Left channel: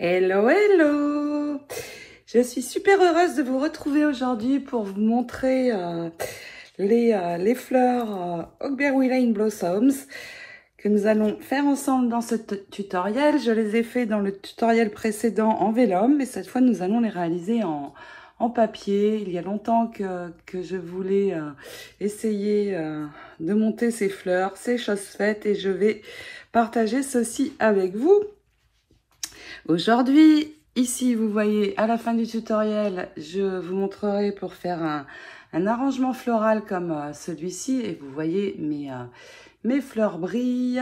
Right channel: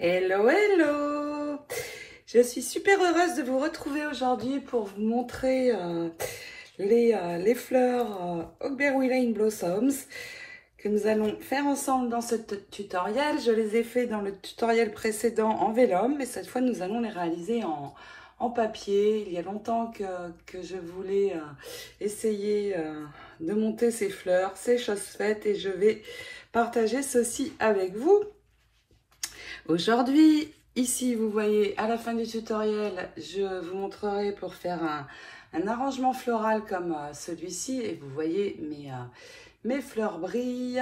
Hello, hello! Je suis super heureuse de vous retrouver aujourd'hui pour vous montrer les fleurs Hogberry Lane Blossoms que nous allons faire ensemble dans ce tutoriel. Je les ai fait dans le tutoriel précédent en vélum, mais cette fois nous allons les réaliser en papier. Il y a longtemps que je voulais essayer de monter ces fleurs, c'est chose faite et je vais partager ceci avec vous. Aujourd'hui, ici, vous voyez, à la fin du tutoriel, je vous montrerai pour faire un arrangement floral comme celui-ci. Et vous voyez, mes fleurs brillent.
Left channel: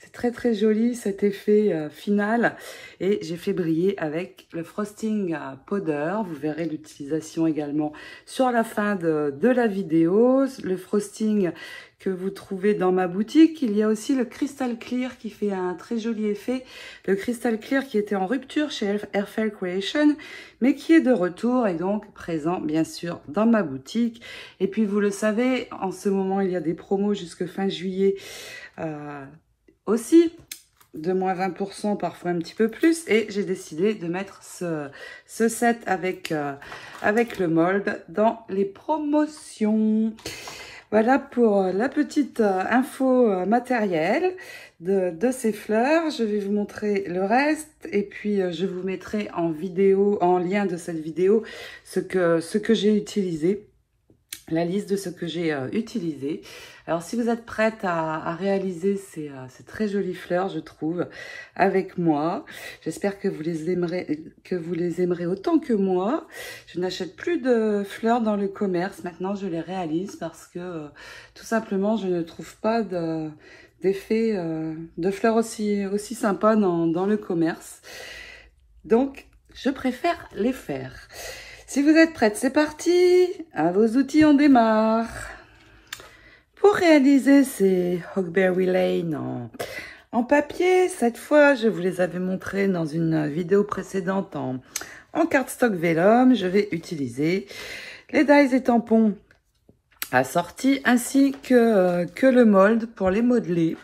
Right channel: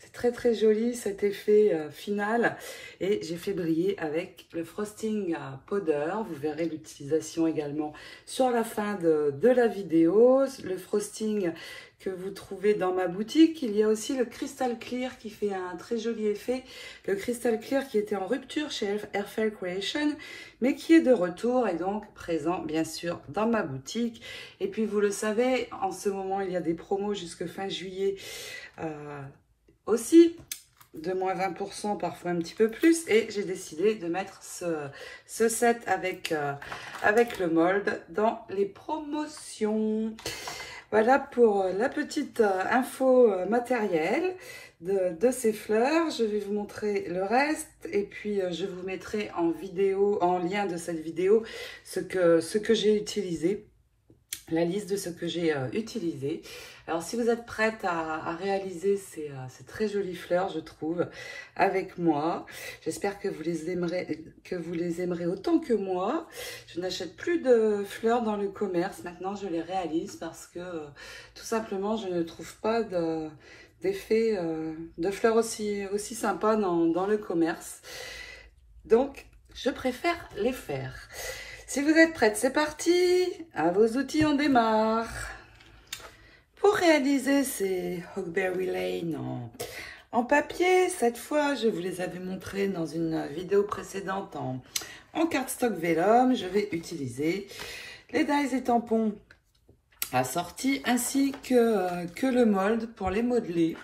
C'est très, très joli cet effet final. Et j'ai fait briller avec le frosting powder. Vous verrez l'utilisation également sur la fin de la vidéo. Le frosting que vous trouvez dans ma boutique. Il y a aussi le Crystal Clear qui fait un très joli effet. Le Crystal Clear qui était en rupture chez Airfell Creation, mais qui est de retour et donc présent bien sûr dans ma boutique. Et puis vous le savez, en ce moment il y a des promos jusque fin juillet aussi, de moins 20%, parfois un petit peu plus. Et j'ai décidé de mettre ce set avec le mold dans les promotions. Voilà pour la petite info matérielle de ces fleurs. Je vais vous montrer le reste et puis je vous mettrai en vidéo, en lien de cette vidéo, ce que j'ai utilisé, la liste de ce que j'ai utilisé. Alors si vous êtes prête à réaliser ces très jolies fleurs, je trouve, avec moi, j'espère que vous les aimerez autant que moi. Je n'achète plus de fleurs dans le commerce, maintenant je les réalise parce que tout simplement je ne trouve pas d'effet de fleurs aussi sympa dans le commerce. Donc je préfère les faire. Si vous êtes prête, c'est parti, à vos outils on démarre. Pour réaliser ces Hogberry Lane en papier, cette fois, je vous les avais montrés dans une vidéo précédente en cardstock vélum. Je vais utiliser les dies et tampons assortis ainsi que le mold pour les modeler.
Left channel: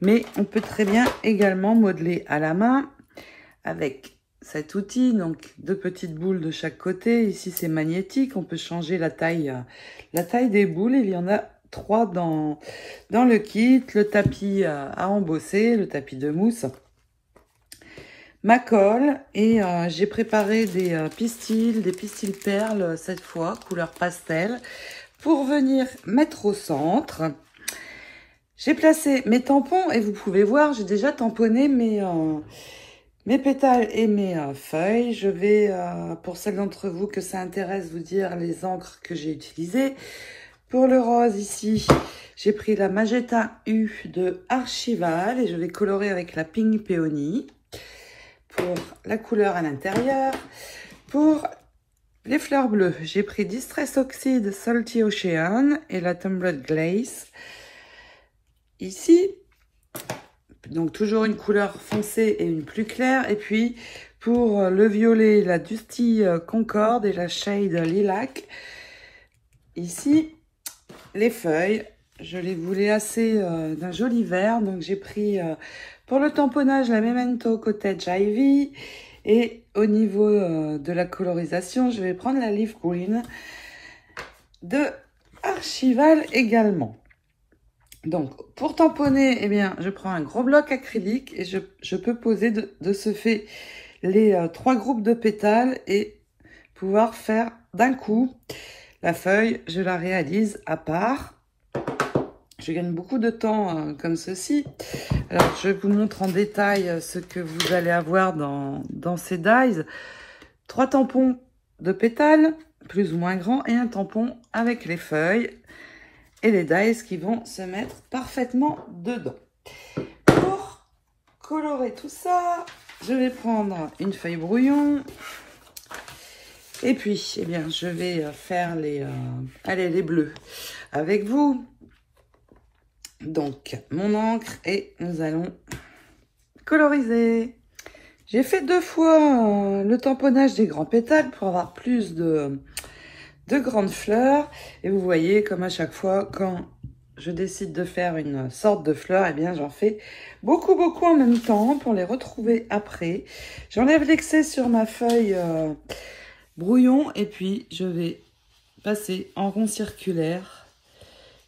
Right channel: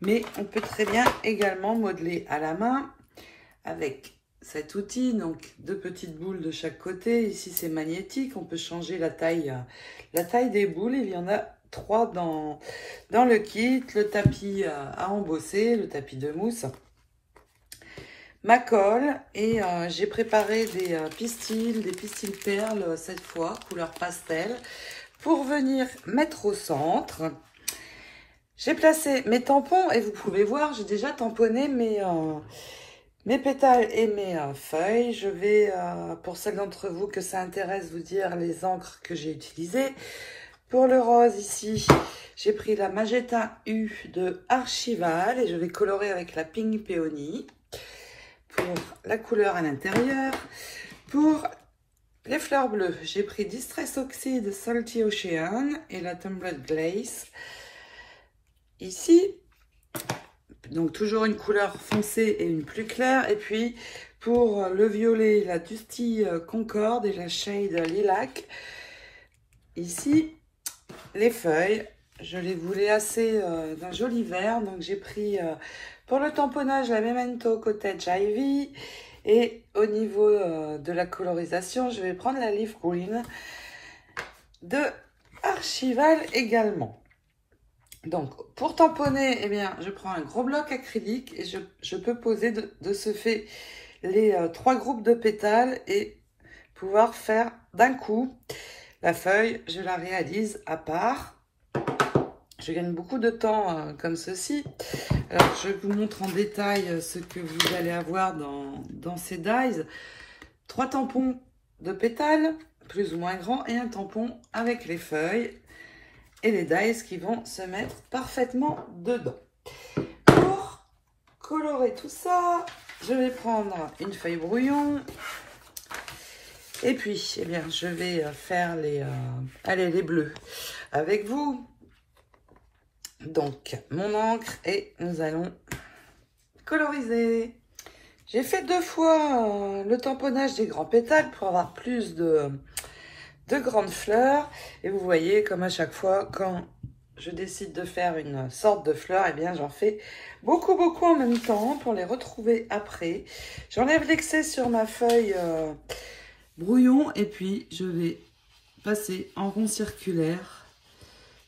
Mais on peut très bien également modeler à la main avec cet outil, donc 2 petites boules de chaque côté. Ici, c'est magnétique, on peut changer la taille des boules. Il y en a 3 dans le kit, le tapis à embosser, le tapis de mousse, ma colle et j'ai préparé des pistils perles cette fois, couleur pastel, pour venir mettre au centre. J'ai placé mes tampons et vous pouvez voir, j'ai déjà tamponné mes pétales et mes feuilles. Je vais, pour celles d'entre vous que ça intéresse, vous dire les encres que j'ai utilisées. Pour le rose, ici, j'ai pris la Magenta U de Archival et je vais colorer avec la Pink Peony pour la couleur à l'intérieur. Pour les fleurs bleues, j'ai pris Distress Oxide Salty Ocean et la Tumblered Glaze. Ici, donc toujours une couleur foncée et une plus claire. Et puis, pour le violet, la Dusty Concorde et la Shade Lilac. Ici, les feuilles, je les voulais assez d'un joli vert, donc j'ai pris pour le tamponnage Elemento Cottage Ivy et au niveau de la colorisation, je vais prendre la Leaf Green de Archival également. Donc pour tamponner, eh bien, je prends un gros bloc acrylique et je peux poser de ce fait les 3 groupes de pétales et pouvoir faire d'un coup. La feuille, je la réalise à part. Je gagne beaucoup de temps comme ceci. Alors, je vous montre en détail ce que vous allez avoir dans ces dies. 3 tampons de pétales, plus ou moins grands, et un tampon avec les feuilles et les dies qui vont se mettre parfaitement dedans. Pour colorer tout ça, je vais prendre une feuille brouillon. Et puis, eh bien, je vais faire les bleus avec vous. Donc, mon encre et nous allons coloriser. J'ai fait 2 fois le tamponnage des grands pétales pour avoir plus de grandes fleurs. Et vous voyez, comme à chaque fois, quand je décide de faire une sorte de fleur, eh bien j'en fais beaucoup en même temps pour les retrouver après. J'enlève l'excès sur ma feuille brouillon et puis je vais passer en rond circulaire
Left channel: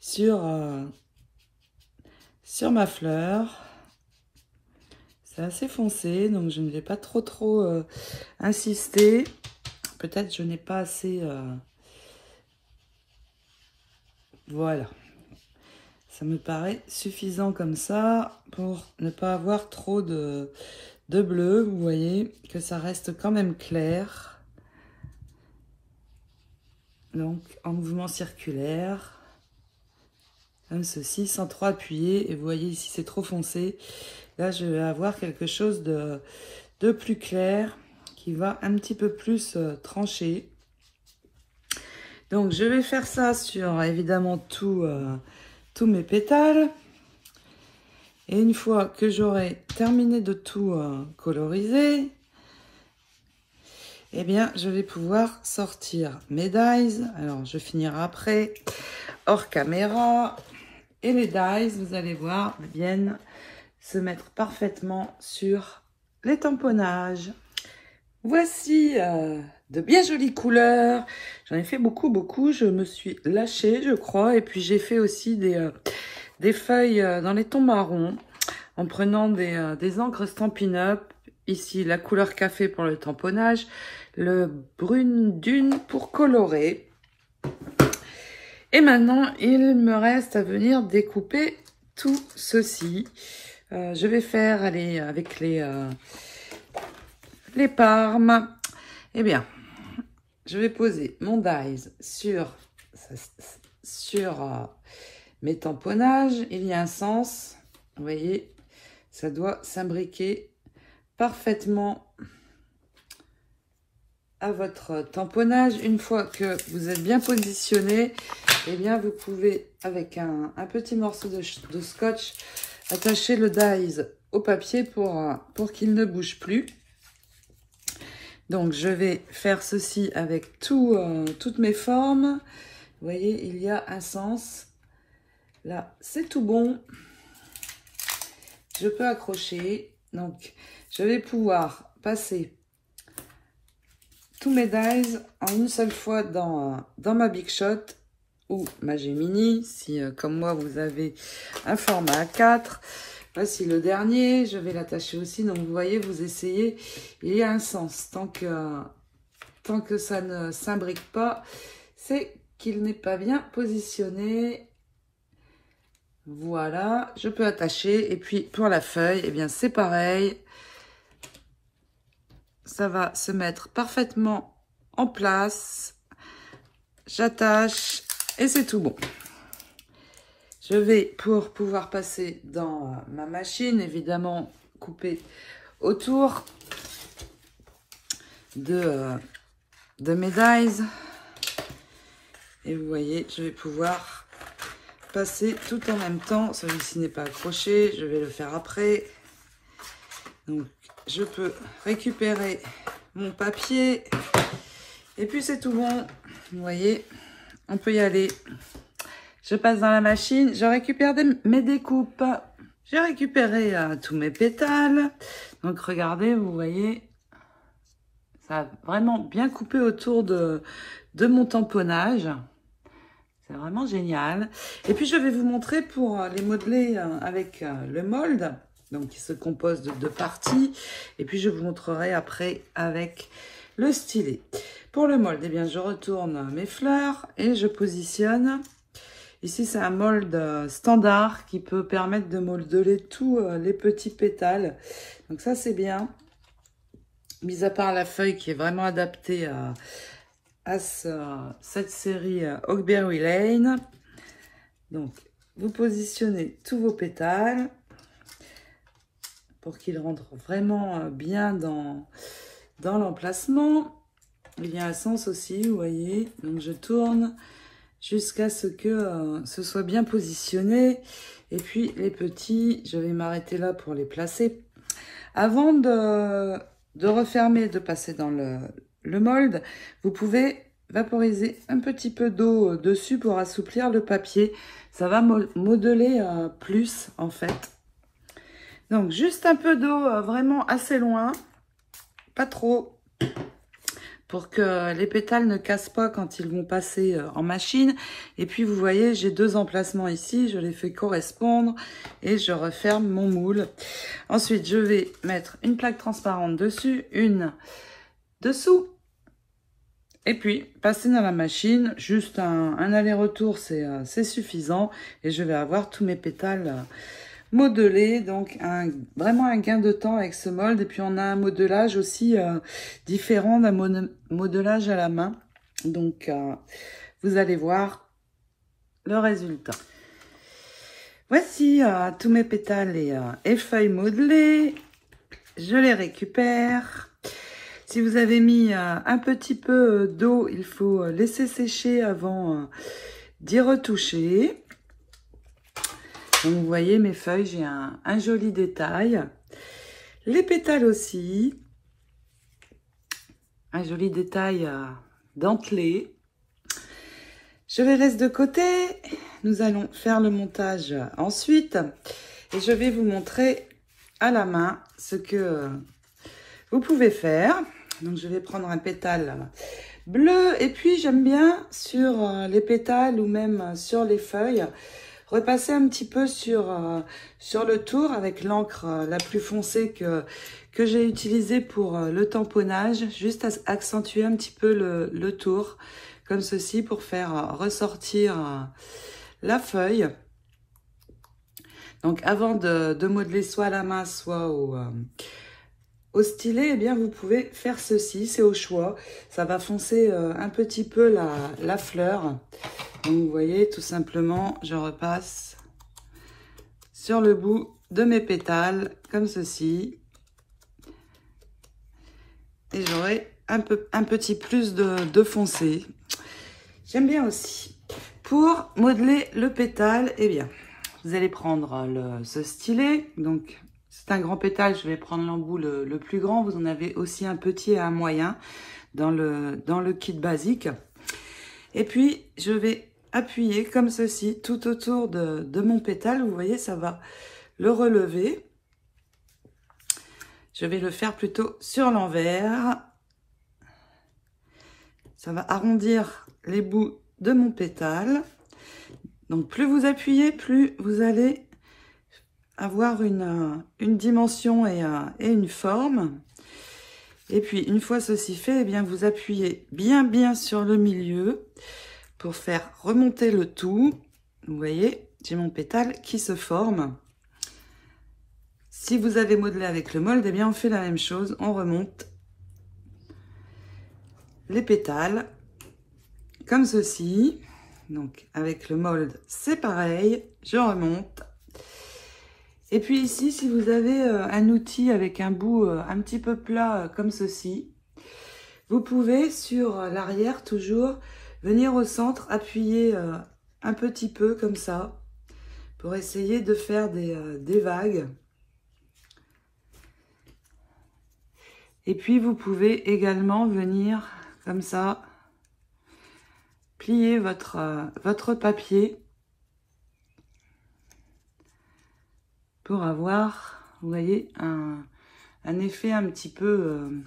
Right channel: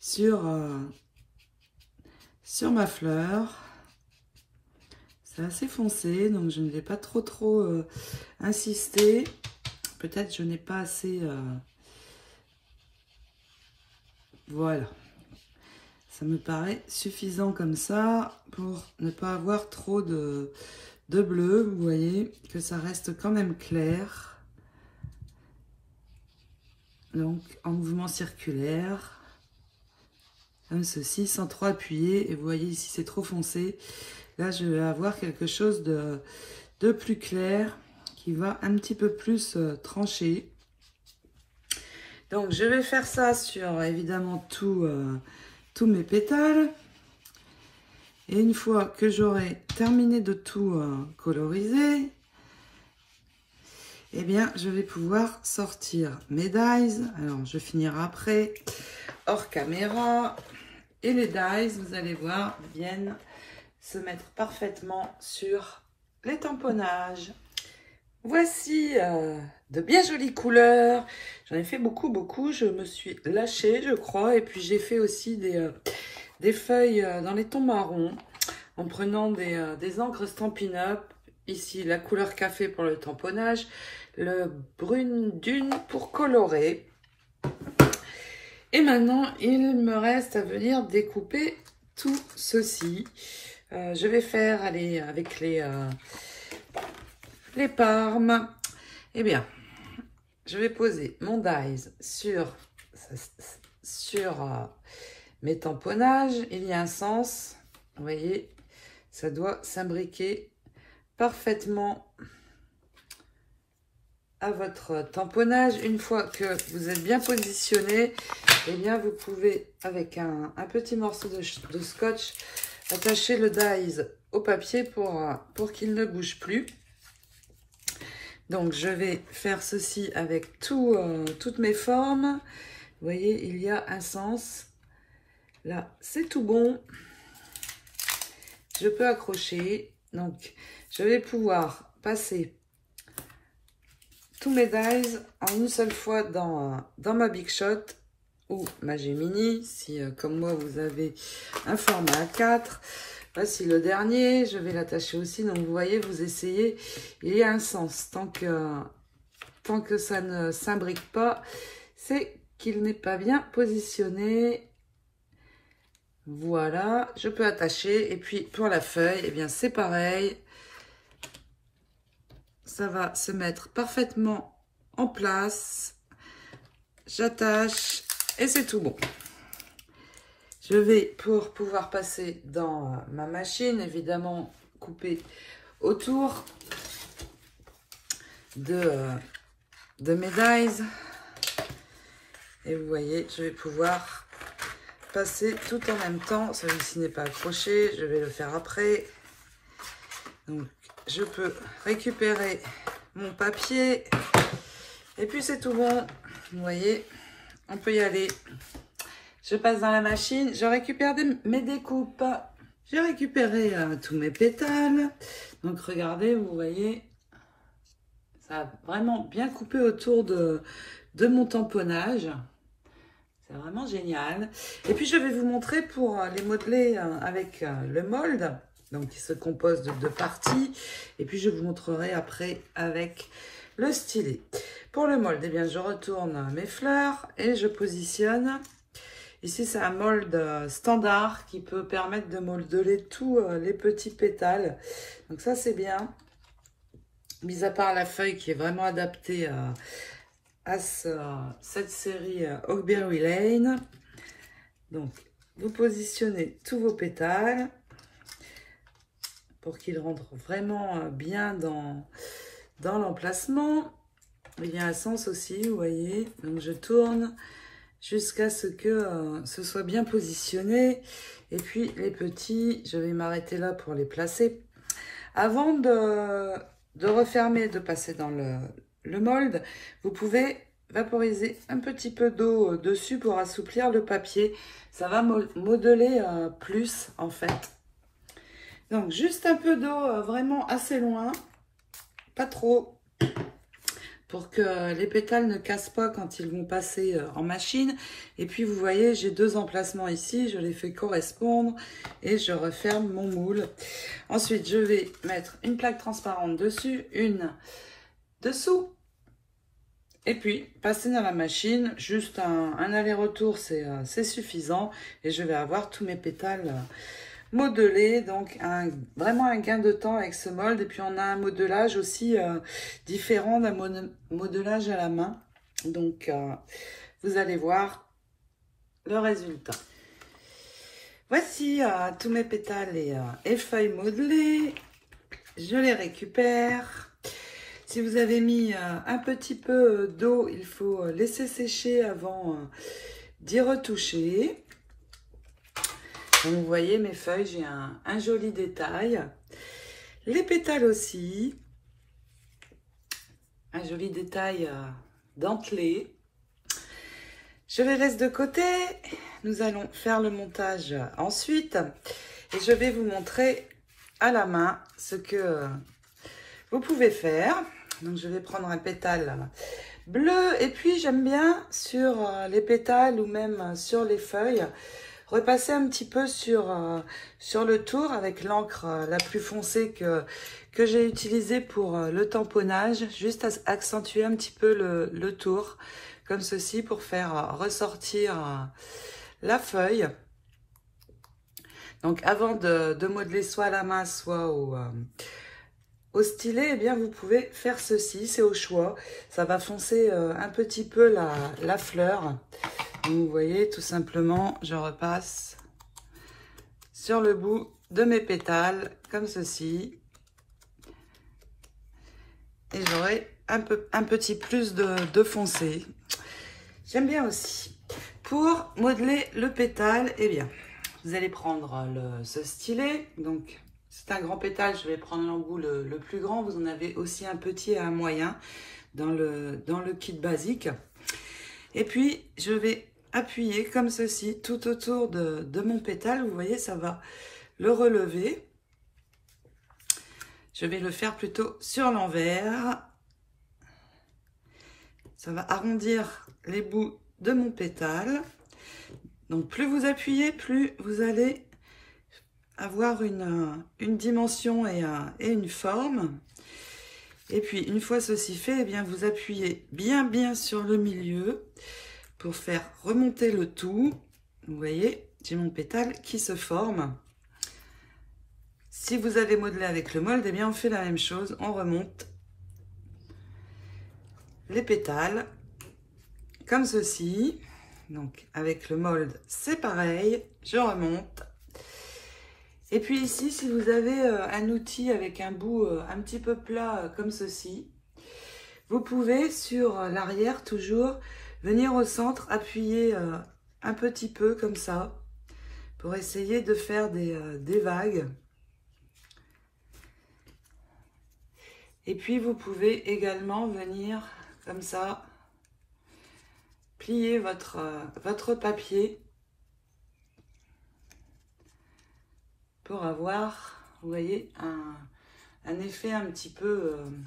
sur ma fleur. C'est assez foncé, donc je ne vais pas trop insister. Peut-être je n'ai pas assez... Voilà. Ça me paraît suffisant comme ça pour ne pas avoir trop de bleu. Vous voyez que ça reste quand même clair. Donc en mouvement circulaire. Comme ceci, sans trop appuyer. Et vous voyez ici c'est trop foncé. Là je vais avoir quelque chose de plus clair qui va un petit peu plus trancher. Donc je vais faire ça sur évidemment tous mes pétales. Et une fois que j'aurai terminé de tout coloriser, eh bien, je vais pouvoir sortir mes dies. Alors, je finirai après, hors caméra. Et les dies, vous allez voir, viennent se mettre parfaitement sur les tamponnages. Voici de bien jolies couleurs. J'en ai fait beaucoup. Je me suis lâchée, je crois. Et puis, j'ai fait aussi des feuilles dans les tons marrons en prenant des encres Stampin' Up. Ici, la couleur café pour le tamponnage, le brune dune pour colorer. Et maintenant, il me reste à venir découper tout ceci. Je vais faire avec les parmes. Eh bien, je vais poser mon dies sur mes tamponnages. Il y a un sens, vous voyez, ça doit s'imbriquer parfaitement à votre tamponnage. Une fois que vous êtes bien positionné, eh bien vous pouvez avec un petit morceau de scotch attacher le dies au papier pour qu'il ne bouge plus. Donc je vais faire ceci avec toutes mes formes. Vous voyez, il y a un sens. Là, c'est tout bon. Je peux accrocher. Donc, je vais pouvoir passer tous mes dies en une seule fois dans ma Big Shot ou ma Gemini. Si, comme moi, vous avez un format A4. Voici le dernier. Je vais l'attacher aussi. Donc, vous voyez, vous essayez. Il y a un sens. Tant que ça ne s'imbrique pas, c'est qu'il n'est pas bien positionné. Voilà, je peux attacher. Et puis, pour la feuille, eh bien, c'est pareil. Ça va se mettre parfaitement en place. J'attache et c'est tout bon. Je vais, pour pouvoir passer dans ma machine, évidemment, couper autour de mes dies. Et vous voyez, je vais pouvoir passer tout en même temps. Celui-ci n'est pas accroché, je vais le faire après. Donc, je peux récupérer mon papier. Et puis, c'est tout bon. Vous voyez, on peut y aller. Je passe dans la machine. Je récupère mes découpes. J'ai récupéré tous mes pétales. Donc, regardez, vous voyez, ça a vraiment bien coupé autour de mon tamponnage. C'est vraiment génial. Et puis, je vais vous montrer pour les modeler avec le mold. Donc, qui se compose de 2 parties. Et puis, je vous montrerai après avec le stylet. Pour le mold, eh bien, je retourne mes fleurs et je positionne. Ici, c'est un mold standard qui peut permettre de modeler tous les petits pétales. Donc, ça, c'est bien. Mis à part la feuille qui est vraiment adaptée à cette série Oakberry Lane. Donc, vous positionnez tous vos pétales pour qu'ils rentrent vraiment bien dans l'emplacement. Il y a un sens aussi, vous voyez. Donc, je tourne jusqu'à ce que ce soit bien positionné. Et puis, les petits, je vais m'arrêter là pour les placer. Avant de refermer, de passer dans le mold, vous pouvez vaporiser un petit peu d'eau dessus pour assouplir le papier. ça va modeler plus en fait. Donc juste un peu d'eau vraiment assez loin, pas trop, pour que les pétales ne cassent pas quand ils vont passer en machine. Et puis vous voyez, j'ai 2 emplacements ici, je les fais correspondre et je referme mon moule. Ensuite, je vais mettre une plaque transparente dessus, une dessous. Et puis, passer dans la machine, juste un aller-retour, c'est suffisant. Et je vais avoir tous mes pétales modelés. Donc, vraiment un gain de temps avec ce molde. Et puis, on a un modelage aussi différent d'un modelage à la main. Donc, vous allez voir le résultat. Voici tous mes pétales et feuilles modelées. Je les récupère. Si vous avez mis un petit peu d'eau, il faut laisser sécher avant d'y retoucher. Donc, vous voyez mes feuilles, j'ai un joli détail. Les pétales aussi. Un joli détail dentelé. Je les laisse de côté. Nous allons faire le montage ensuite. Et je vais vous montrer à la main ce que vous pouvez faire. Donc, je vais prendre un pétale bleu. Et puis, j'aime bien sur les pétales ou même sur les feuilles, repasser un petit peu sur le tour avec l'encre la plus foncée que j'ai utilisée pour le tamponnage. Juste accentuer un petit peu le tour, comme ceci, pour faire ressortir la feuille. Donc, avant de modeler soit à la main, soit au stylet, eh bien, vous pouvez faire ceci, c'est au choix. Ça va foncer un petit peu la fleur. Donc, vous voyez, tout simplement, je repasse sur le bout de mes pétales, comme ceci. Et j'aurai un petit plus de foncé. J'aime bien aussi. Pour modeler le pétale, eh bien, vous allez prendre ce stylet. Donc, c'est un grand pétale, je vais prendre l'embout le plus grand. Vous en avez aussi un petit et un moyen dans le kit basique. Et puis, je vais appuyer comme ceci tout autour de mon pétale. Vous voyez, ça va le relever. Je vais le faire plutôt sur l'envers. Ça va arrondir les bouts de mon pétale. Donc, plus vous appuyez, plus vous allez avoir une dimension et une forme. Et puis, une fois ceci fait, eh bien, vous appuyez bien sur le milieu pour faire remonter le tout. Vous voyez, j'ai mon pétale qui se forme. Si vous avez modelé avec le mold, eh bien, on fait la même chose. On remonte les pétales comme ceci. Donc, avec le mold, c'est pareil. Je remonte. Et puis ici, si vous avez un outil avec un bout un petit peu plat comme ceci, vous pouvez sur l'arrière toujours venir au centre, appuyer un petit peu comme ça pour essayer de faire des vagues. Et puis vous pouvez également venir comme ça, plier votre papier pour avoir, vous voyez, un effet un petit peu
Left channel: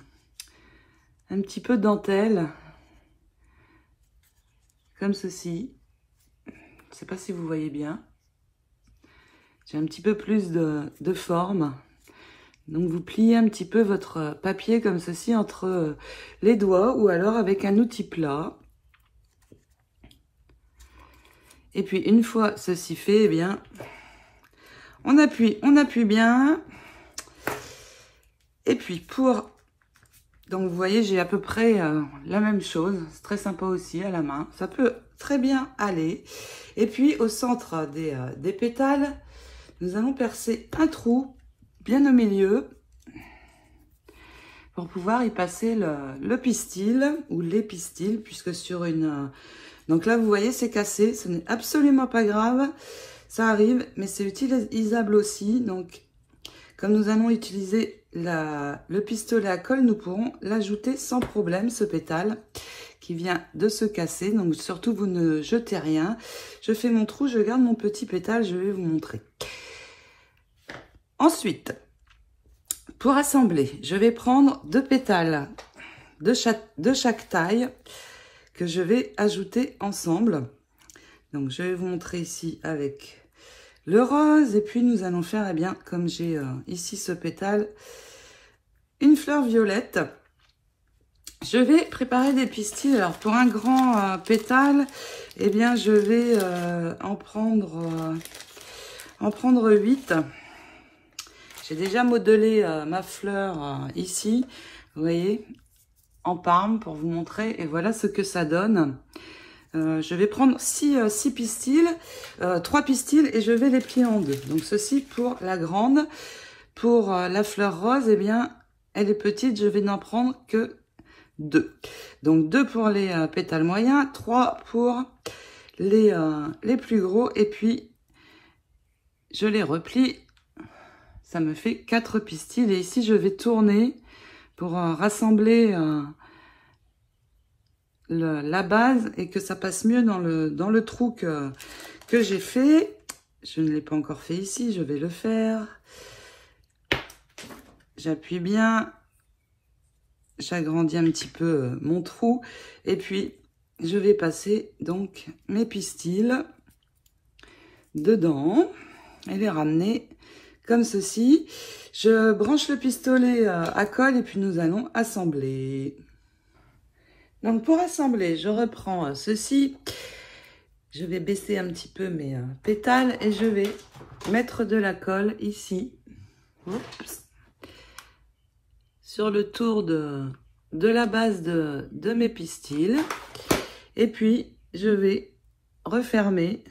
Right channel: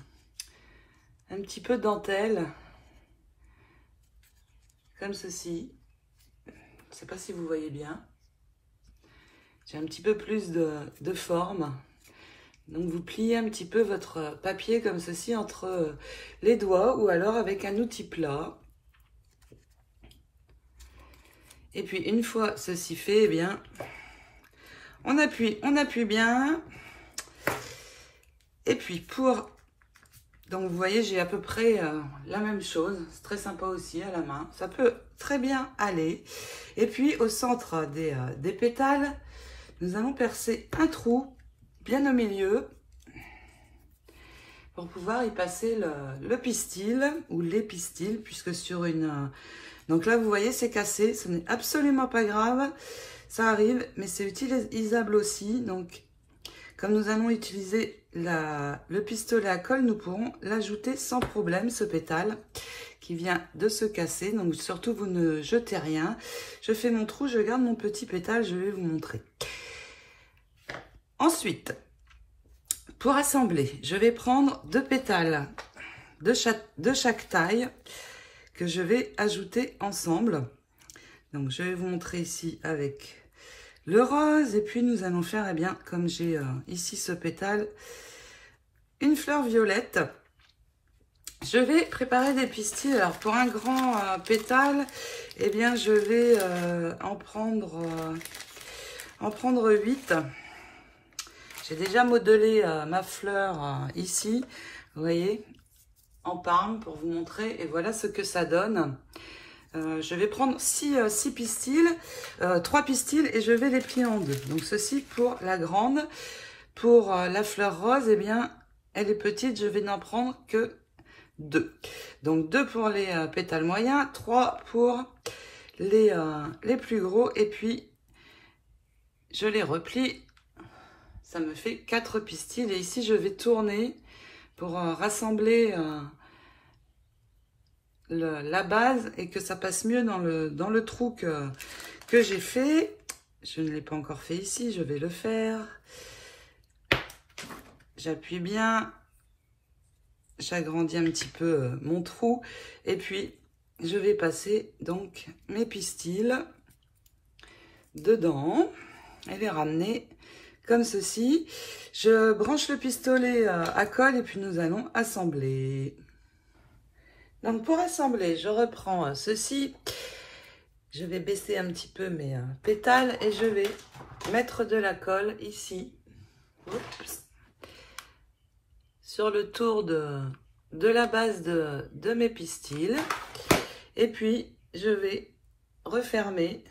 dentelle, comme ceci. Je ne sais pas si vous voyez bien. J'ai un petit peu plus de forme. Donc, vous pliez un petit peu votre papier comme ceci entre les doigts ou alors avec un outil plat. Et puis, une fois ceci fait, eh bien, on appuie bien. Et puis, donc, vous voyez, j'ai à peu près la même chose. C'est très sympa aussi à la main. Ça peut très bien aller. Et puis, au centre des pétales, nous allons percer un trou bien au milieu pour pouvoir y passer le pistil ou les pistils, puisque sur une... Donc là, vous voyez, c'est cassé. Ce n'est absolument pas grave. Ça arrive, mais c'est utilisable aussi. Donc, comme nous allons utiliser le pistolet à colle, nous pourrons l'ajouter sans problème, ce pétale, qui vient de se casser. Donc surtout, vous ne jetez rien. Je fais mon trou, je garde mon petit pétale, je vais vous montrer. Ensuite, pour assembler, je vais prendre 2 pétales de chaque taille que je vais ajouter ensemble. Donc je vais vous montrer ici avec le rose. Et puis nous allons faire, eh bien, comme j'ai ici ce pétale, une fleur violette. Je vais préparer des pistils. Alors pour un grand pétale, eh bien je vais en prendre 8. J'ai déjà modelé ma fleur ici, vous voyez, en parme pour vous montrer. Et voilà ce que ça donne. Je vais prendre 6 pistils, 3 pistils et je vais les plier en 2. Donc ceci pour la grande. Pour la fleur rose, eh bien, elle est petite, je vais n'en prendre que 2. Donc 2 pour les pétales moyens, 3 pour les plus gros. Et puis, je les replie. Ça me fait 4 pistils. Et ici, je vais tourner pour rassembler la base et que ça passe mieux dans le trou que j'ai fait. Je ne l'ai pas encore fait ici, je vais le faire. J'appuie bien, j'agrandis un petit peu mon trou et puis je vais passer donc mes pistils dedans et les ramener comme ceci. Je branche le pistolet à colle et puis nous allons assembler. Donc pour assembler, je reprends ceci. Je vais baisser un petit peu mes pétales et je vais mettre de la colle ici. Oups. Sur le tour de la base de mes pistils. Et puis, je vais refermer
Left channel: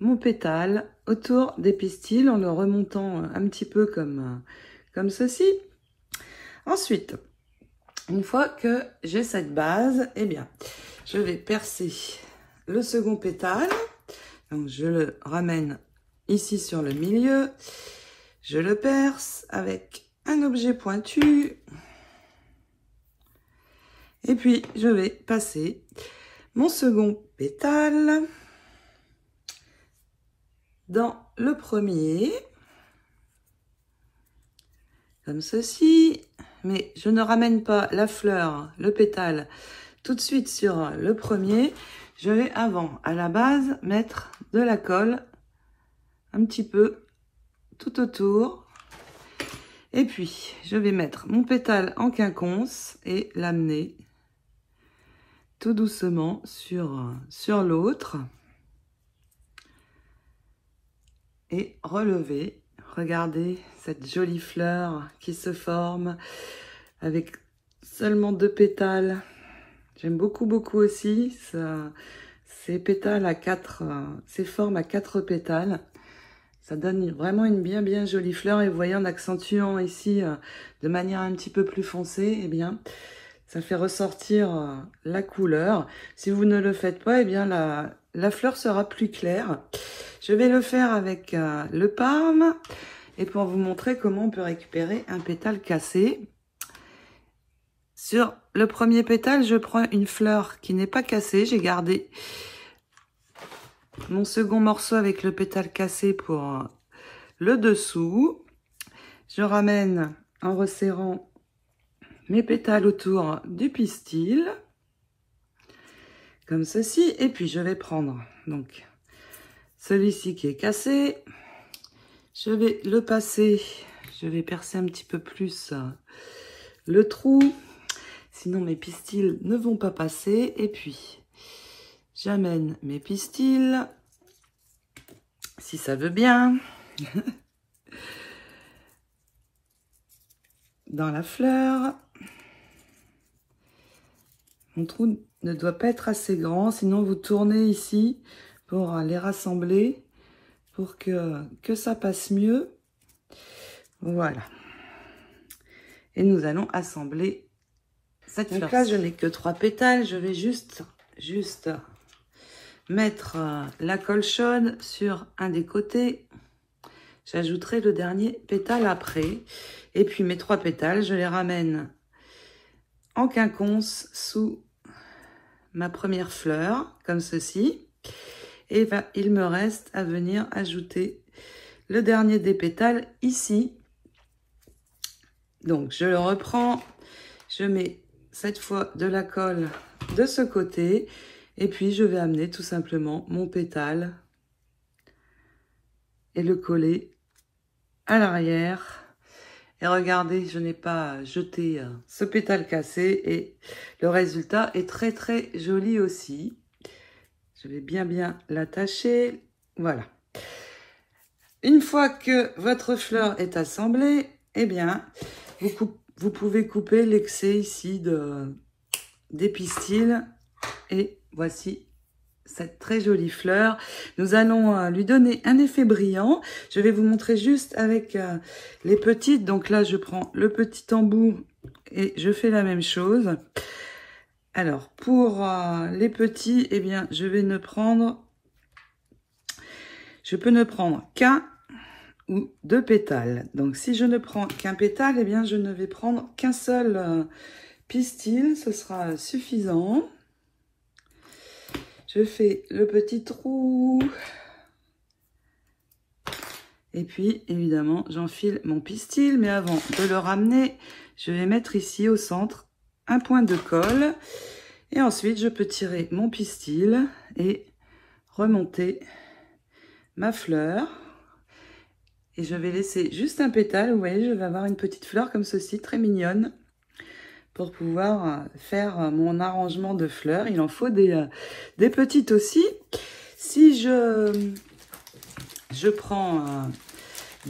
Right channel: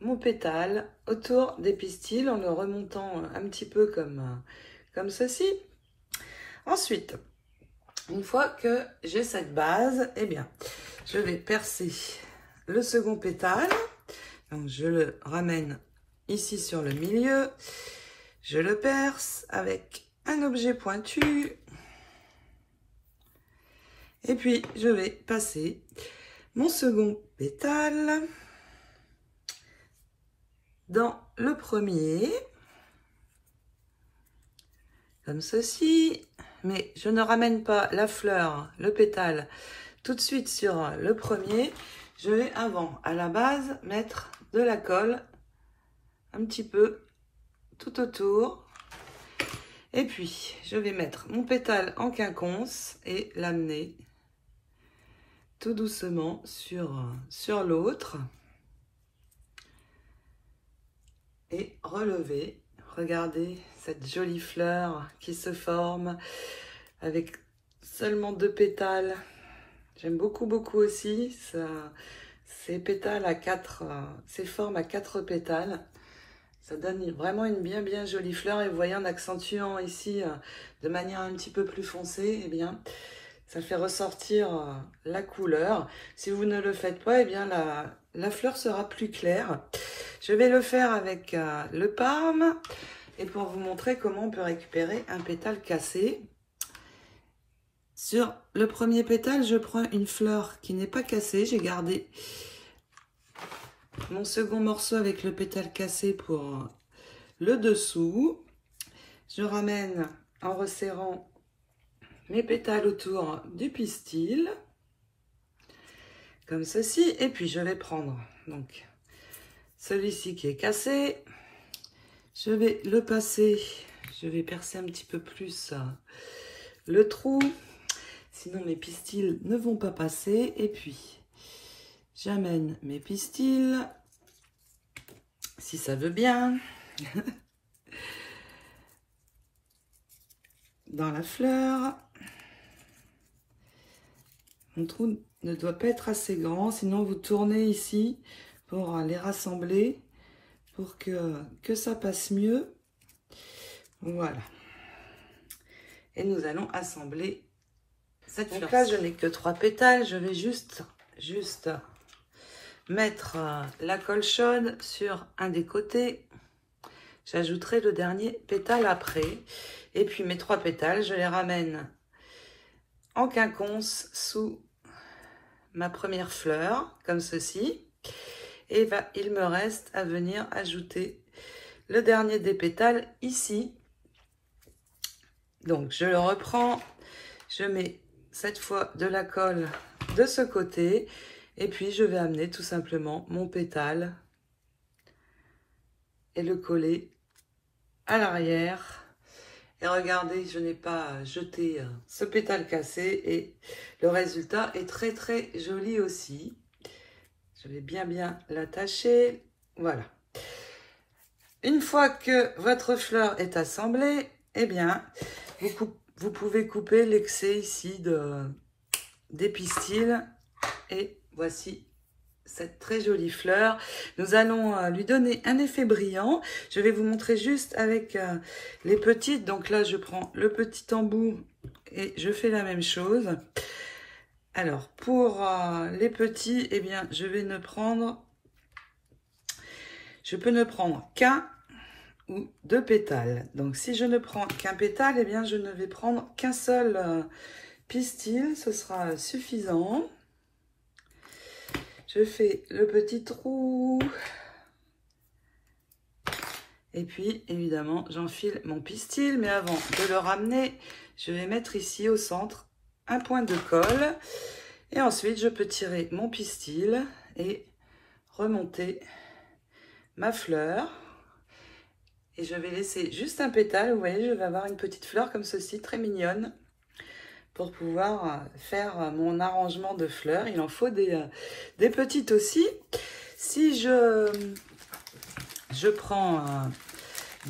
mon pétale autour des pistils en le remontant un petit peu comme ceci. Ensuite, une fois que j'ai cette base, eh bien, je vais percer le second pétale. Donc, je le ramène ici sur le milieu. Je le perce avec un objet pointu. Et puis, je vais passer mon second pétale dans le premier. Comme ceci. Mais je ne ramène pas la fleur, le pétale, tout de suite sur le premier. Je vais avant, à la base, mettre de la colle un petit peu tout autour. Et puis, je vais mettre mon pétale en quinconce et l'amener tout doucement sur l'autre. Et relever. Regardez cette jolie fleur qui se forme avec seulement 2 pétales. J'aime beaucoup aussi ces pétales à 4, ces formes à 4 pétales. Ça donne vraiment une bien jolie fleur. Et vous voyez, en accentuant ici de manière un petit peu plus foncée, eh bien, ça fait ressortir la couleur. Si vous ne le faites pas, eh bien, la fleur sera plus claire. Je vais le faire avec le parme. Et pour vous montrer comment on peut récupérer un pétale cassé. Sur le premier pétale, je prends une fleur qui n'est pas cassée. J'ai gardé mon second morceau avec le pétale cassé pour le dessous. Je ramène en resserrant mes pétales autour du pistil. Comme ceci. Et puis, je vais prendre donc celui-ci qui est cassé. Je vais le passer. Je vais percer un petit peu plus le trou. Sinon, mes pistils ne vont pas passer. Et puis, j'amène mes pistils, si ça veut bien, dans la fleur. Mon trou ne doit pas être assez grand, sinon vous tournez ici pour les rassembler, pour que ça passe mieux. Voilà. Et nous allons assembler cette fleur. Donc là, je n'ai que 3 pétales. Je vais juste mettre la colle chaude sur un des côtés. J'ajouterai le dernier pétale après. Et puis mes 3 pétales, je les ramène en quinconce sous ma première fleur, comme ceci. Et il me reste à venir ajouter le dernier des pétales ici. Donc, je reprends, je mets cette fois de la colle de ce côté. Et puis, je vais amener tout simplement mon pétale et le coller à l'arrière. Et regardez, je n'ai pas jeté ce pétale cassé et le résultat est très très joli aussi. Je vais bien l'attacher. Voilà. Une fois que votre fleur est assemblée, eh bien, vous pouvez couper l'excès ici des pistils. Et voici cette très jolie fleur. Nous allons lui donner un effet brillant. Je vais vous montrer juste avec les petites. Donc là, je prends le petit embout et je fais la même chose. Alors, pour les petits, eh bien, je peux ne prendre qu'un ou deux pétales. Donc, si je ne prends qu'un pétale, eh bien, je ne vais prendre qu'un seul pistil. Ce sera suffisant. Je fais le petit trou. Et puis, évidemment, j'enfile mon pistil. Mais avant de le ramener, je vais mettre ici au centre un point de colle. Et ensuite, je peux tirer mon pistil et remonter ma fleur. Et je vais laisser juste un pétale. Vous voyez, je vais avoir une petite fleur comme ceci, très mignonne, pour pouvoir faire mon arrangement de fleurs. Il en faut des petites aussi. Si je prends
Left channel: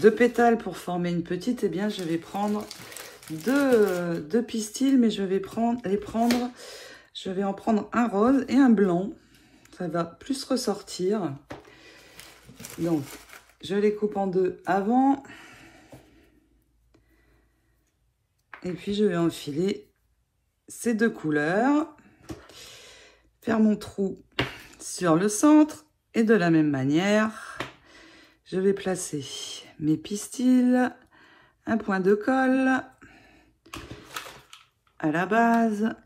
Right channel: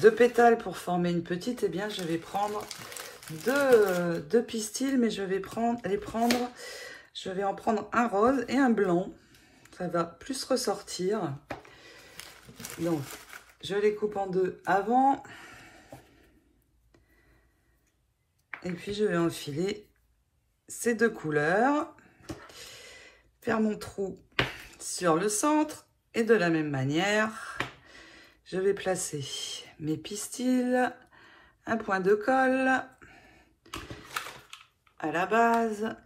deux pétales pour former une petite, eh bien je vais prendre deux pistils, mais je vais en prendre un rose et un blanc. Ça va plus ressortir. Donc, je les coupe en deux avant. Et puis, je vais enfiler ces deux couleurs, faire mon trou sur le centre et de la même manière, je vais placer mes pistils, un point de colle à la base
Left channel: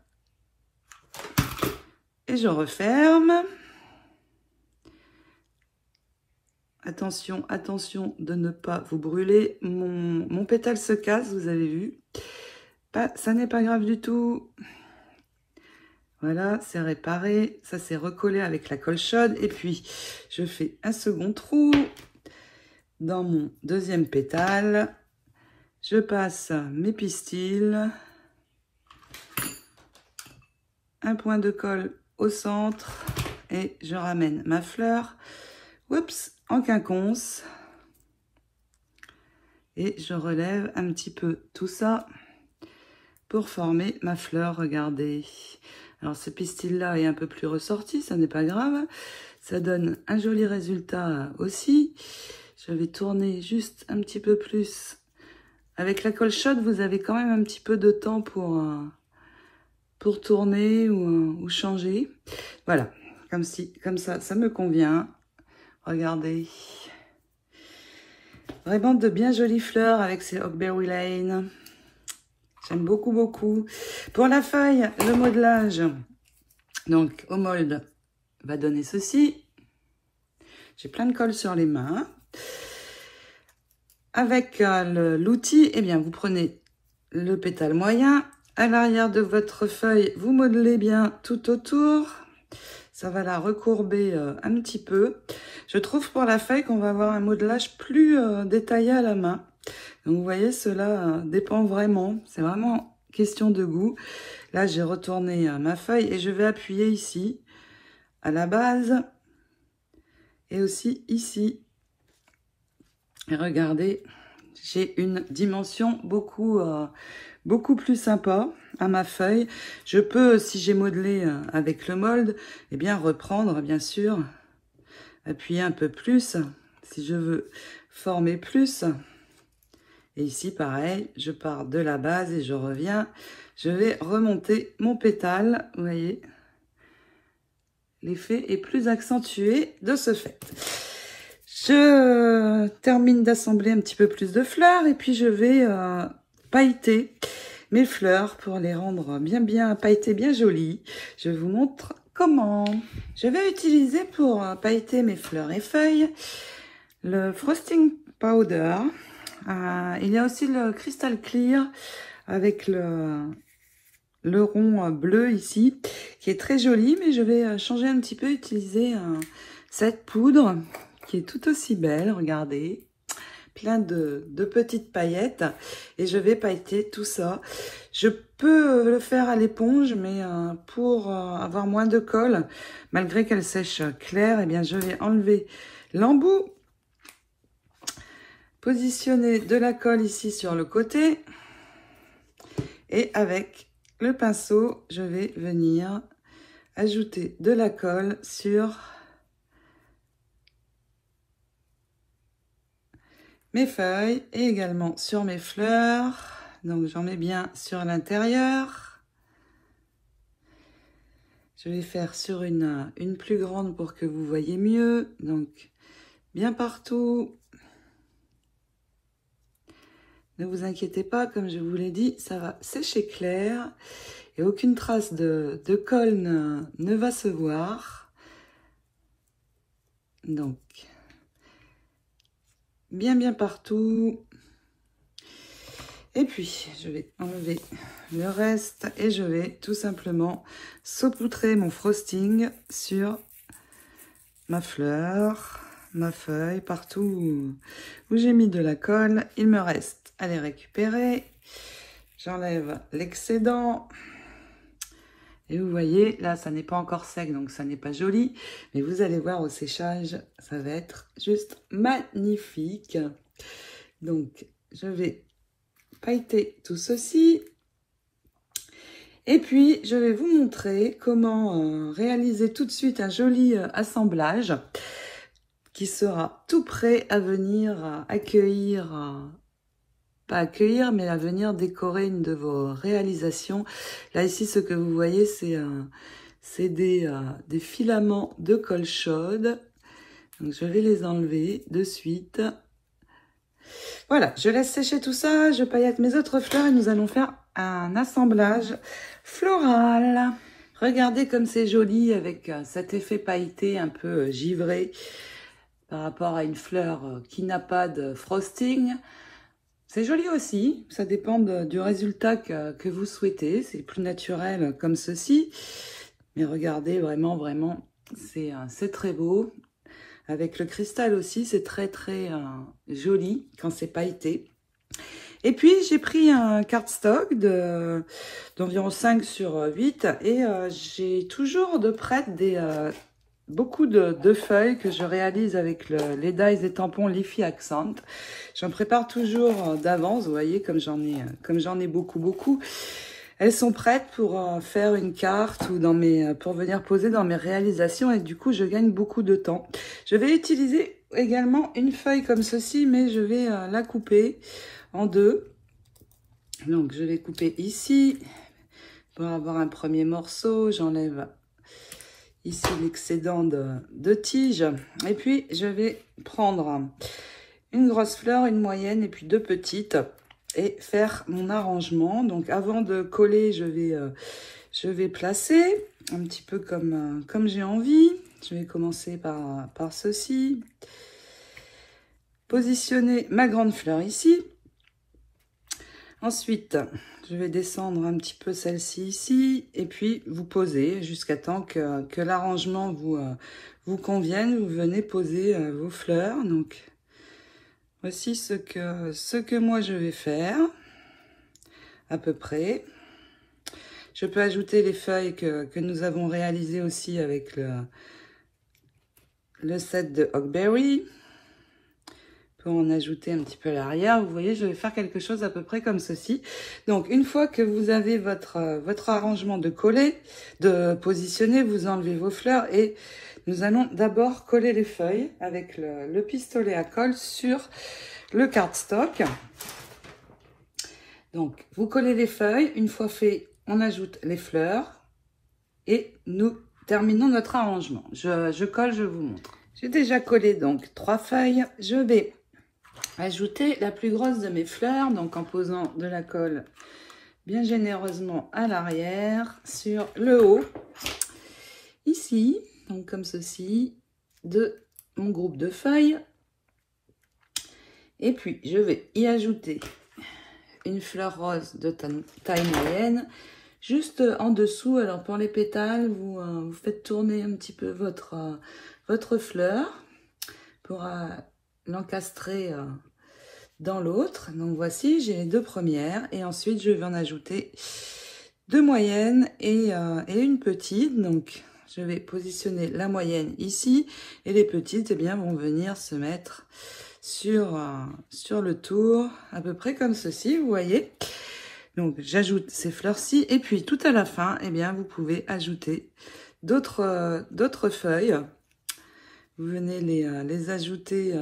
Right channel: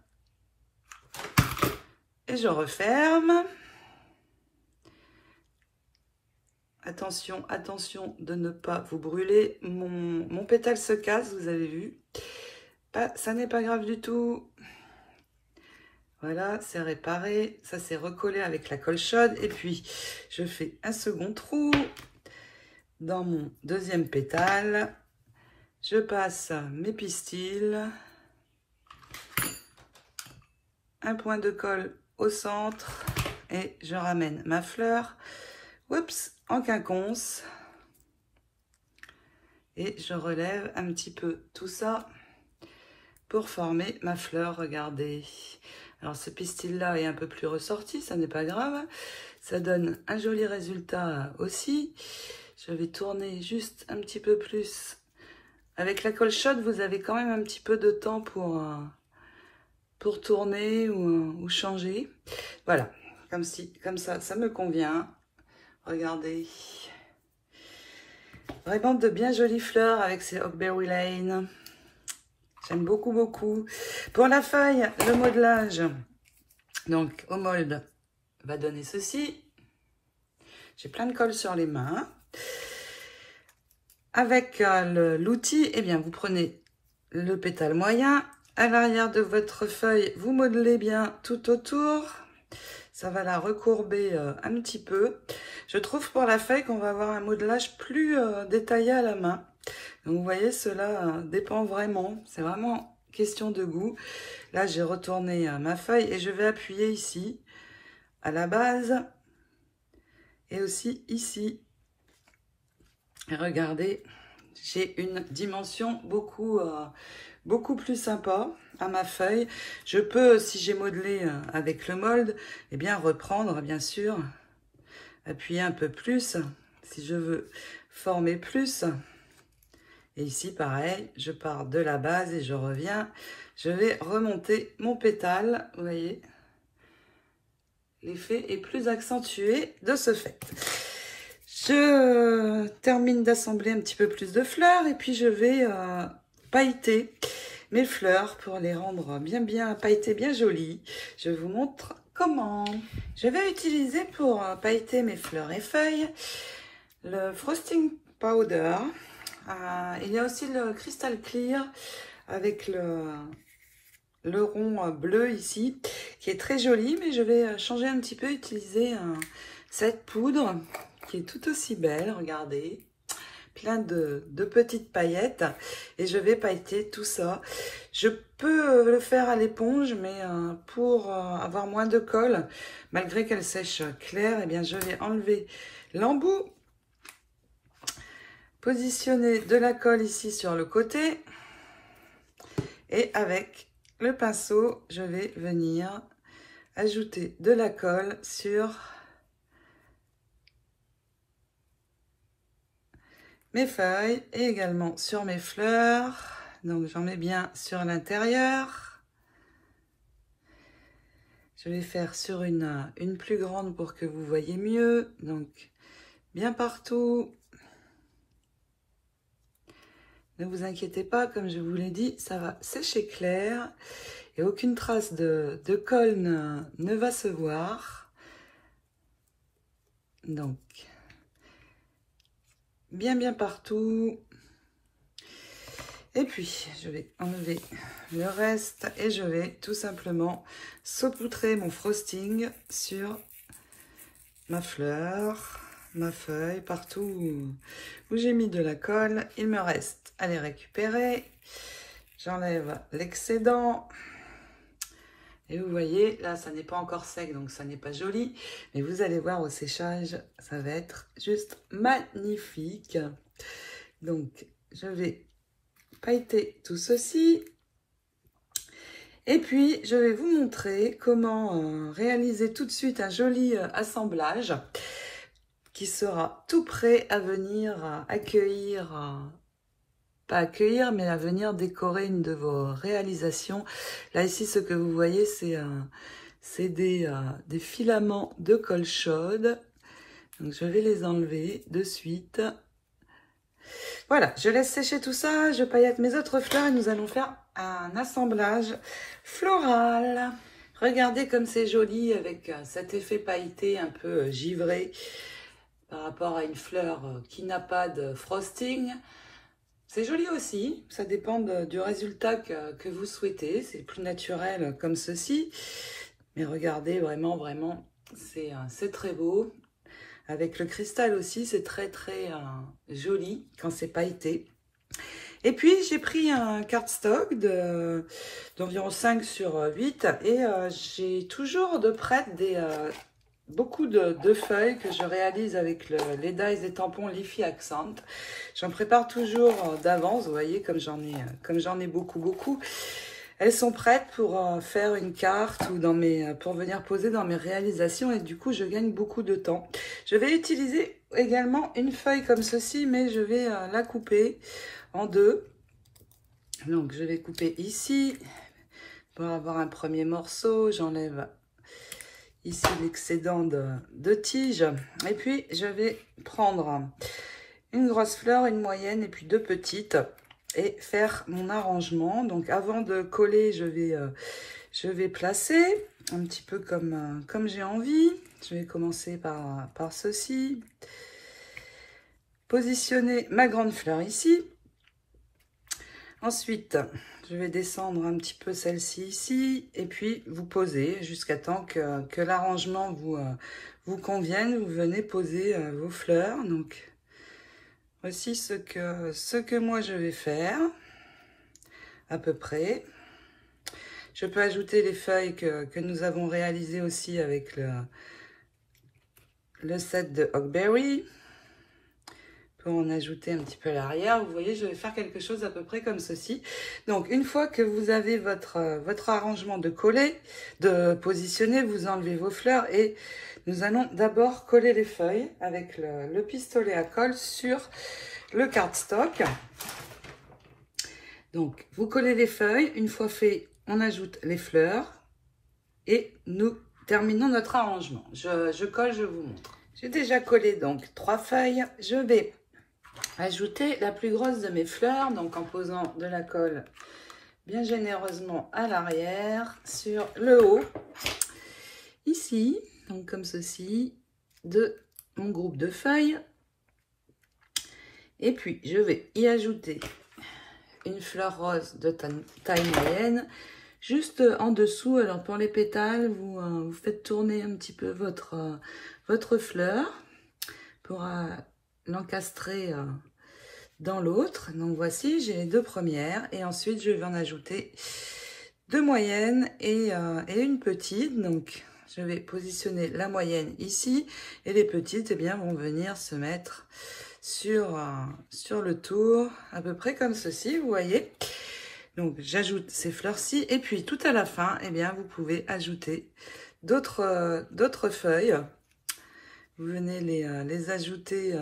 et je referme. Attention, attention de ne pas vous brûler. Mon pétale se casse, vous avez vu. Ça n'est pas grave du tout. Voilà, c'est réparé. Ça s'est recollé avec la colle chaude. Et puis, je fais un second trou dans mon deuxième pétale. Je passe mes pistils. Un point de colle au centre. Et je ramène ma fleur. Oups, en quinconce. Et je relève un petit peu tout ça pour former ma fleur, regardez. Alors ce pistil-là est un peu plus ressorti, ça n'est pas grave. Ça donne un joli résultat aussi. Je vais tourner juste un petit peu plus. Avec la colle chaude, vous avez quand même un petit peu de temps pour tourner ou changer. Voilà, comme ça, ça me convient. Regardez. Vraiment de bien jolies fleurs avec ces Oakberry Lane. J'aime beaucoup, beaucoup. Pour la feuille, le modelage, donc au mold, va donner ceci. J'ai plein de colle sur les mains. Avec l'outil, eh bien, vous prenez le pétale moyen. À l'arrière de votre feuille, vous modelez bien tout autour. Ça va la recourber un petit peu. Je trouve pour la feuille qu'on va avoir un modelage plus détaillé à la main. Donc, vous voyez, cela dépend vraiment. C'est vraiment question de goût. Là, j'ai retourné ma feuille et je vais appuyer ici, à la base, et aussi ici. Et regardez, j'ai une dimension beaucoup plus sympa à ma feuille. Je peux, si j'ai modelé avec le mold, eh bien reprendre, bien sûr, appuyer un peu plus, si je veux former plus. Et ici, pareil, je pars de la base et je reviens. Je vais remonter mon pétale. Vous voyez, l'effet est plus accentué de ce fait. Je termine d'assembler un petit peu plus de fleurs et puis je vais pailleter mes fleurs pour les rendre bien pailletées, bien jolies. Je vous montre comment. Je vais utiliser pour pailleter mes fleurs et feuilles le Frosting Powder. Il y a aussi le Crystal Clear avec le rond bleu ici, qui est très joli, mais je vais changer un petit peu, utiliser cette poudre qui est tout aussi belle, regardez, plein de petites paillettes, et je vais pailleter tout ça. Je peux le faire à l'éponge, mais pour avoir moins de colle, malgré qu'elle sèche claire, eh bien je vais enlever l'embout, positionner de la colle ici sur le côté, et avec le pinceau, je vais venir ajouter de la colle sur mes feuilles et également sur mes fleurs. Donc j'en mets bien sur l'intérieur. Je vais faire sur une plus grande pour que vous voyez mieux. Donc bien partout. Ne vous inquiétez pas, comme je vous l'ai dit, ça va sécher clair et aucune trace de colle ne va se voir. Donc, bien partout. Et puis, je vais enlever le reste et je vais tout simplement saupoudrer mon frosting sur ma fleur, ma feuille, partout où j'ai mis de la colle. Il me reste à les récupérer. J'enlève l'excédent. Et vous voyez, là, ça n'est pas encore sec, donc ça n'est pas joli. Mais vous allez voir au séchage, ça va être juste magnifique. Donc, je vais pailleter tout ceci. Et puis, je vais vous montrer comment réaliser tout de suite un joli assemblage qui sera tout prêt à venir accueillir, pas accueillir, mais à venir décorer une de vos réalisations. Là, ici, ce que vous voyez, c'est des filaments de colle chaude. Donc, je vais les enlever de suite. Voilà, je laisse sécher tout ça, je paillette mes autres fleurs et nous allons faire un assemblage floral. Regardez comme c'est joli avec cet effet pailleté un peu givré par rapport à une fleur qui n'a pas de frosting. C'est joli aussi, ça dépend du résultat que vous souhaitez. C'est plus naturel comme ceci. Mais regardez, vraiment, c'est très beau. Avec le cristal aussi, c'est très joli quand c'est pailleté. Et puis, j'ai pris un cardstock d'environ 5 sur 8 et j'ai toujours de près beaucoup de feuilles que je réalise avec les dies et tampons Leafy Accent. J'en prépare toujours d'avance, vous voyez, comme j'en ai beaucoup. Elles sont prêtes pour faire une carte ou pour venir poser dans mes réalisations et du coup, je gagne beaucoup de temps. Je vais utiliser également une feuille comme ceci, mais je vais la couper en deux. Donc, je vais couper ici pour avoir un premier morceau. J'enlève ici l'excédent de tige. Et puis, je vais prendre une grosse fleur, une moyenne et puis deux petites et faire mon arrangement. Donc, avant de coller, je vais placer un petit peu comme j'ai envie. Je vais commencer par ceci. Positionner ma grande fleur ici. Ensuite, je vais descendre un petit peu celle-ci ici et puis vous posez jusqu'à temps que l'arrangement vous convienne. Vous venez poser vos fleurs. Donc, voici ce que moi je vais faire, à peu près. Je peux ajouter les feuilles que nous avons réalisées aussi avec le set de Huckberry. Pour en ajouter un petit peu à l'arrière, vous voyez, je vais faire quelque chose à peu près comme ceci. Donc, une fois que vous avez votre arrangement de coller, de positionner, vous enlevez vos fleurs et nous allons d'abord coller les feuilles avec le pistolet à colle sur le cardstock. Donc, vous collez les feuilles. Une fois fait, on ajoute les fleurs et nous terminons notre arrangement. Je colle, je vous montre. J'ai déjà collé donc 3 feuilles. Je vais ajouter la plus grosse de mes fleurs, donc en posant de la colle bien généreusement à l'arrière sur le haut. ici, donc comme ceci, de mon groupe de feuilles. Et puis, je vais y ajouter une fleur rose de taille moyenne, juste en dessous. Alors, pour les pétales, vous faites tourner un petit peu votre fleur pour l'encastrer dans l'autre. Donc, voici, j'ai les 2 premières. Et ensuite, je vais en ajouter 2 moyennes et une petite. Donc, je vais positionner la moyenne ici. Et les petites, eh bien, vont venir se mettre sur le tour, à peu près comme ceci, vous voyez. Donc, j'ajoute ces fleurs-ci. Et puis, tout à la fin, eh bien, vous pouvez ajouter d'autres feuilles. Vous venez les ajouter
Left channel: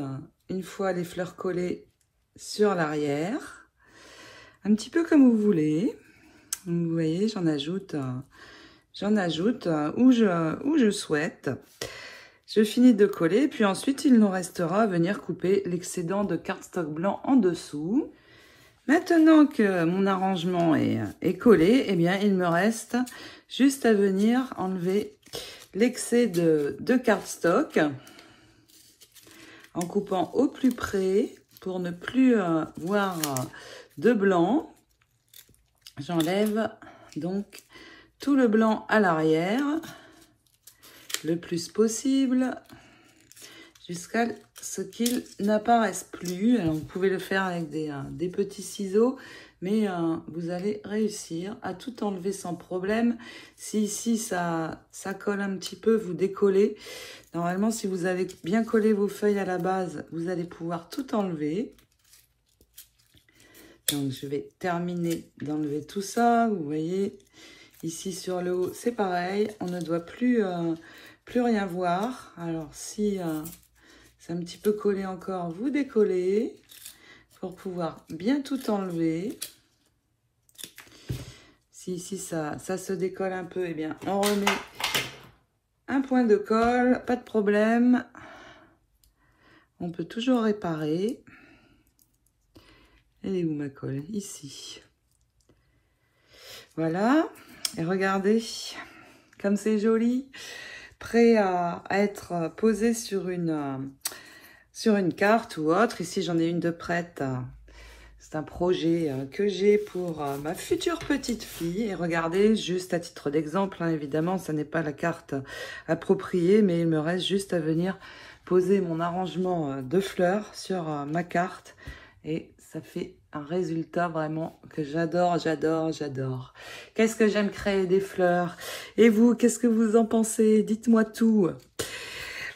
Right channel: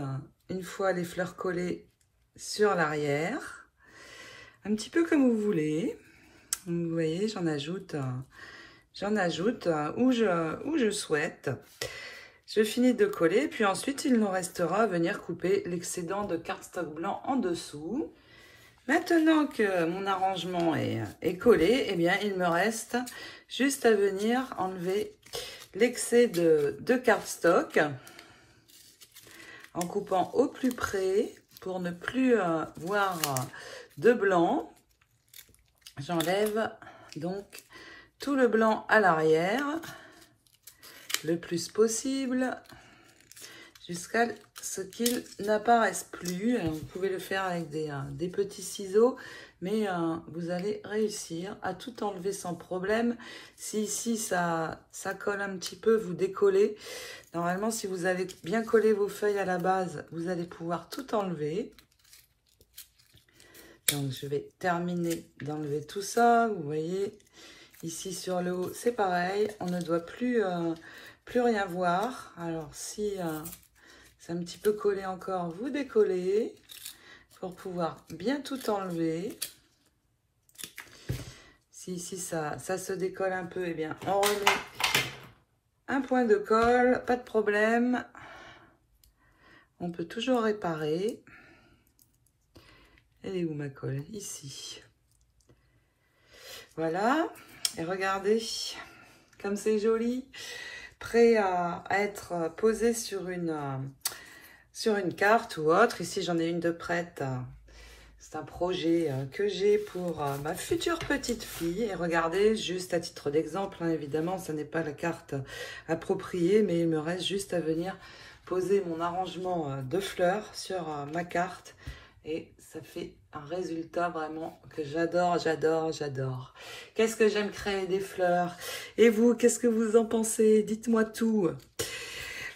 une fois les fleurs collées sur l'arrière. Un petit peu comme vous voulez. Vous voyez, j'en ajoute où je souhaite. Je finis de coller, puis ensuite, il nous restera à venir couper l'excédent de cardstock blanc en dessous. Maintenant que mon arrangement est collé, eh bien, il me reste juste à venir enlever l'excès de cardstock en coupant au plus près pour ne plus voir de blanc. J'enlève donc tout le blanc à l'arrière le plus possible jusqu'à ce qu'il n'apparaisse plus. Alors, vous pouvez le faire avec des petits ciseaux, mais vous allez réussir à tout enlever sans problème. Si ici ça colle un petit peu, vous décollez. Normalement, si vous avez bien collé vos feuilles à la base, vous allez pouvoir tout enlever. Donc, je vais terminer d'enlever tout ça. Vous voyez, ici sur le haut, c'est pareil. On ne doit plus rien voir. Alors, si c'est un petit peu collé encore, vous décollez pour pouvoir bien tout enlever. Si ici, ça se décolle un peu, eh bien, on remet un point de colle, pas de problème. On peut toujours réparer. Elle est où ma colle? Ici. Voilà. Et regardez, comme c'est joli. Prêt à être posé sur une carte ou autre. Ici, j'en ai une de prête. C'est un projet que j'ai pour ma future petite fille. Et regardez, juste à titre d'exemple, hein, évidemment, ce n'est pas la carte appropriée, mais il me reste juste à venir poser mon arrangement de fleurs sur ma carte. Et ça fait un résultat vraiment que j'adore, j'adore, j'adore. Qu'est-ce que j'aime créer des fleurs. Et vous, qu'est-ce que vous en pensez? Dites-moi tout.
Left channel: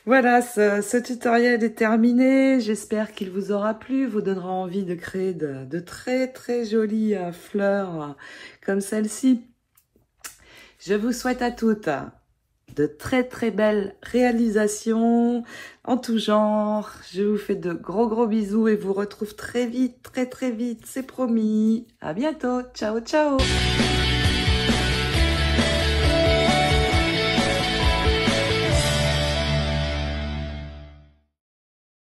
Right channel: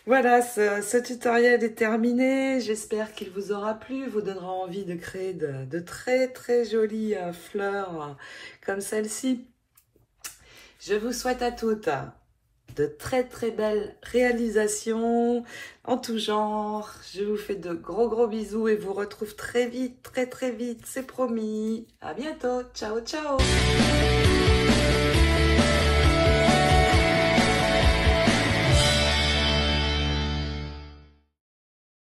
Voilà, ce tutoriel est terminé. J'espère qu'il vous aura plu, vous donnera envie de créer de très très jolies fleurs comme celle-ci. Je vous souhaite à toutes de très très belles réalisations en tout genre. Je vous fais de gros bisous et vous retrouve très vite, très vite, c'est promis. À bientôt, ciao ciao.